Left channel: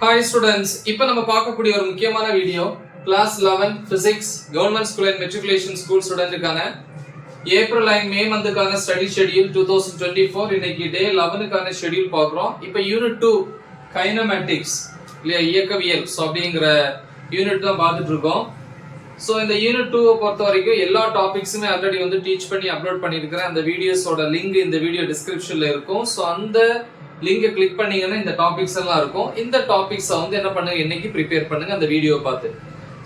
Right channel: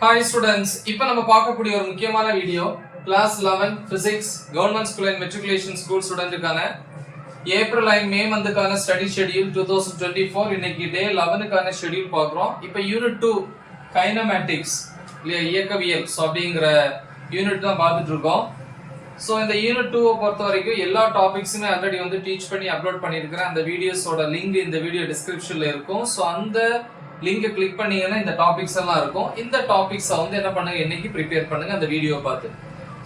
Hi students, இப்போ நம்ம பார்க்கக்கூடிய ஒரு முக்கியமான video class 11 physics government school and matriculation school ஸ்டூடெண்ட்டுக்கான ஏப்ரல் அண்ட் மே மந்த்துக்கான ஸ்டடி ஷெட்யூல் 2024 இன்னைக்கு டே 11க்கான ஷெட்யூல் பார்க்குறோம். இப்போ யூனிட் 2 கைனமேட்டிக்ஸ் இல்லையா இயக்கவியல் அப்படிங்கிற யூனிட் தான் பார்த்துட்டு இருக்கோம். ஸோ இந்த யூனிட் 2 பொறுத்த வரைக்கும் எல்லா டாபிக்ஸுமே ஆல்ரெடி வந்து டீச் பண்ணி அப்லோட் பண்ணியிருக்கிறேன். அந்த வீடியோஸோட லிங்க் இந்த வீடியோ டிஸ்கிரிப்ஷன்ல இருக்கும். ஸோ அந்த லிங்கை கிளிக் பண்ணீங்கன்னா இந்த டாபிக்ஸ் எல்லாம் இருக்கும். இந்த டாபிக்ஸை வந்து என்ன பண்ணுங்க, இன்னைக்கு ப்ரிப்பேர் பண்ணுங்க அந்த வீடியோ பார்த்து.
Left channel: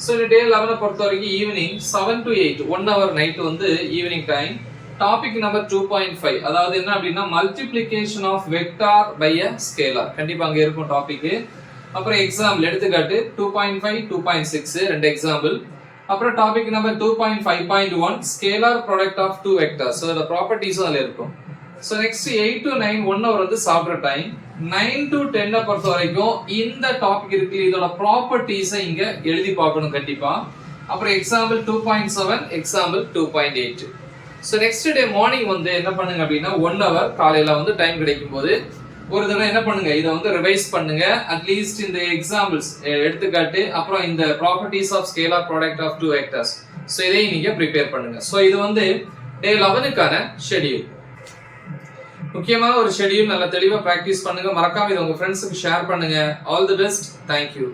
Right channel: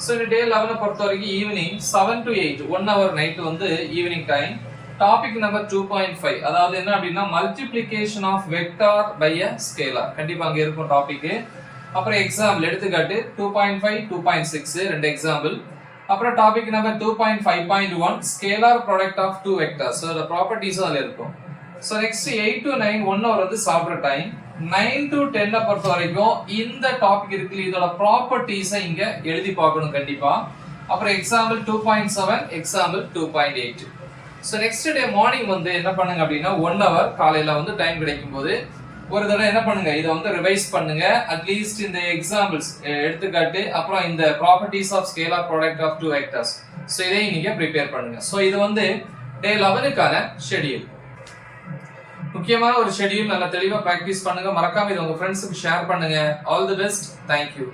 ஸோ இந்த டே 11 பொறுத்த வரைக்கும் ஈவினிங் 7 to 8 1 hour நைட் வந்து ஈவினிங் டைம். டாபிக் நம்பர் 2.5 அதாவது என்ன அப்படின்னா multiplication of vector by a scalar. கண்டிப்பா அங்க இருக்கும் டாபிக். அப்புறம் எக்ஸாம்பிள் எடுத்துக்காட்டு 2.5 2.6 ரெண்டு எக்ஸாம்பிள். அப்புறம் topic number 2.5.1 scalar product of two vectors. So ப்ராப்பர்ட்டிஸும் அதில் இருக்கும். So next 8 to 9 1 hour வந்து சாப்பிட்ற டைம். 9 to 10 பொறுத்த வரைக்கும் இந்த டாபிக் இருக்கு, இதோட ப்ராப்பர்ட்டிஸை இங்க எழுதி பார்க்கணும் கண்டிப்பா. அப்புறம் example 2.7 example 2.8. So next day morning வந்து என்ன பண்ணுங்க அப்படின்னா 1 hour காலையில வந்து டைம் கிடைக்கும் போது ஒரு தடவை என்ன பண்ணுங்க, இதை வந்து ரிவைஸ் பண்ணுங்க. அட்லீஸ்ட் இந்த எக்ஸாம்பிள்ஸ் எடுத்துக்காட்டு அப்புறம் இந்த properties of scalar product of two vectors. So இதையும் நீங்க ப்ரிப்பேர் பண்ணுங்க. ஸோ இது வந்து டே 11க்கான ஷெட்யூல். முக்கியமான ஒரு ஷெட்யூல். நல்லா தெளிவா பிராக்டிஸ் பண்ணுங்க. மறக்காம இதை உங்க ஃப்ரெண்ட்ஸுக்கு ஷேர் பண்ணுங்க. All the best. தேங்க்யூ.